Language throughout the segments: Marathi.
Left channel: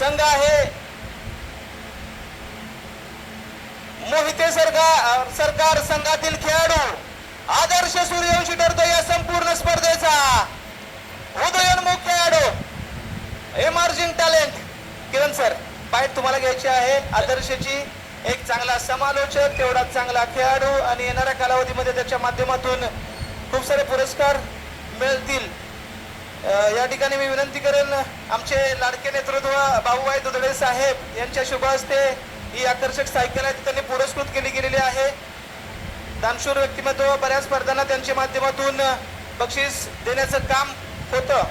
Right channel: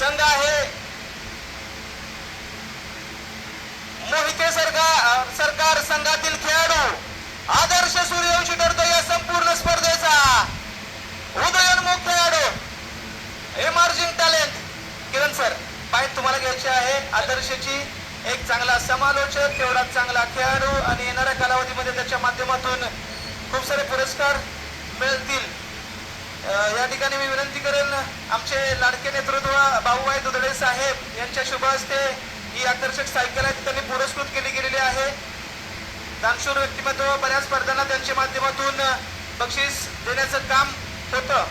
संघ आहे मोहिते सरकार संघातील खेळाडू आदर्श सूर्यवंशी ठरतो या संपूर्ण स्पर्धेचा उदयोन्मुख खेळाडू एमर्जिंग टॅलेंट. किरण सर पाय तुम्हाला घ्यायचे आहे. आदर्शची एक चांगला समालोचक, तेवढा चांगला खेळाडू आणि येणाऱ्या कालावधीमध्ये त्याच्या माध्यमातून खूप सारे पुरस्कार मिळतील. या ठिकाणी मी विनंती करेन आमचे लाडके नेतृत्व भाऊभाई दुधडे साहेब यांच्या शुभ हस्ते ही आकर्षक सायकल आहे त्यांनी पुरस्कृत केली गेलेली आहे. दानशूर व्यक्तिमत्व बऱ्याच स्पर्धांना त्यांच्या माध्यमातून बक्षीस देण्याचं काम होतं.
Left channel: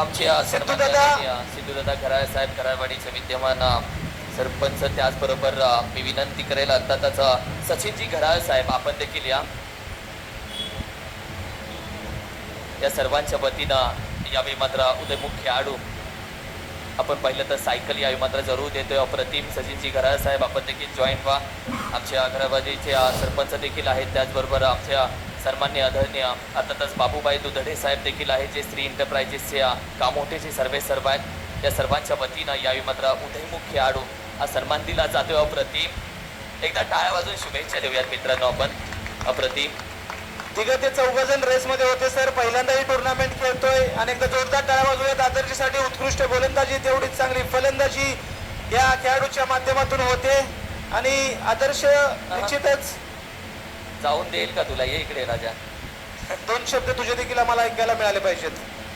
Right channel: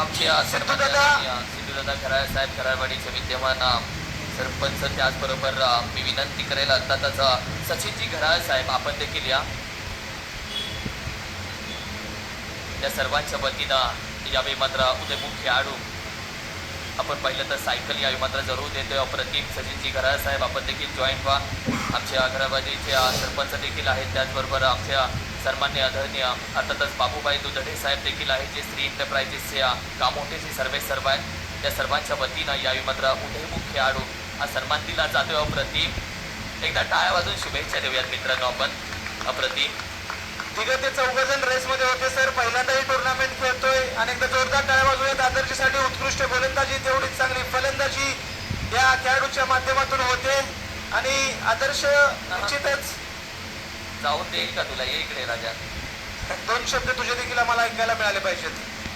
आमच्या सिद्धूदादा घराळे साहेब कराडवाडीचे विद्यमान सरपंच, त्याचबरोबर मी विनंती करेल अर्थातच सचिनजी घराळे साहेब आपण देखील या सर्वांच्या वतीनं यावेळी मात्र उदयमुख खेळाडू आपण पाहिलं तर सायकल यावेळी मात्र जरूर देतोय. अप्रतिम सचिनजी घराळे साहेब आपण देखील जॉईन व्हा. आमच्या घराबाजीचे सरपंच देखील आहेत, त्याचबरोबर आमच्या सन्मान्य आदरणीय अर्थातच बाबूबाई दुधडे साहेब देखील आहेत जे श्री एंटरप्राइजेसचे कामोठेचे सर्वे सर्व आहेत. त्या सर्वांच्या वतीनं यावेळी मात्र उदयमुख खेळाडू हा सन्मान दिला जातोय. अप्रतिम एकदा टाळ्या वाजून शुभेच्छा देऊयात मित्रांनो आपण. अप्रतिम तिघ ते चौघजण रेसमध्ये होते सर. पहिल्यांदा ही टुर्नामेंट खेळतोय आणि एकदा जोरदार टाळ्या वाजवूयात. आदर्शसाठी उत्कृष्ट गोलंदाजी तेवढीच चांगली फलंदाजी या खेळाडूच्या माध्यमातून होते आणि आदर्श निश्चितच जाऊन देईल का तुला? ये इकडे राजा. 2 शब्द तुझे देखील आम्हाला ऐकायला मिळाले पाहिजेत.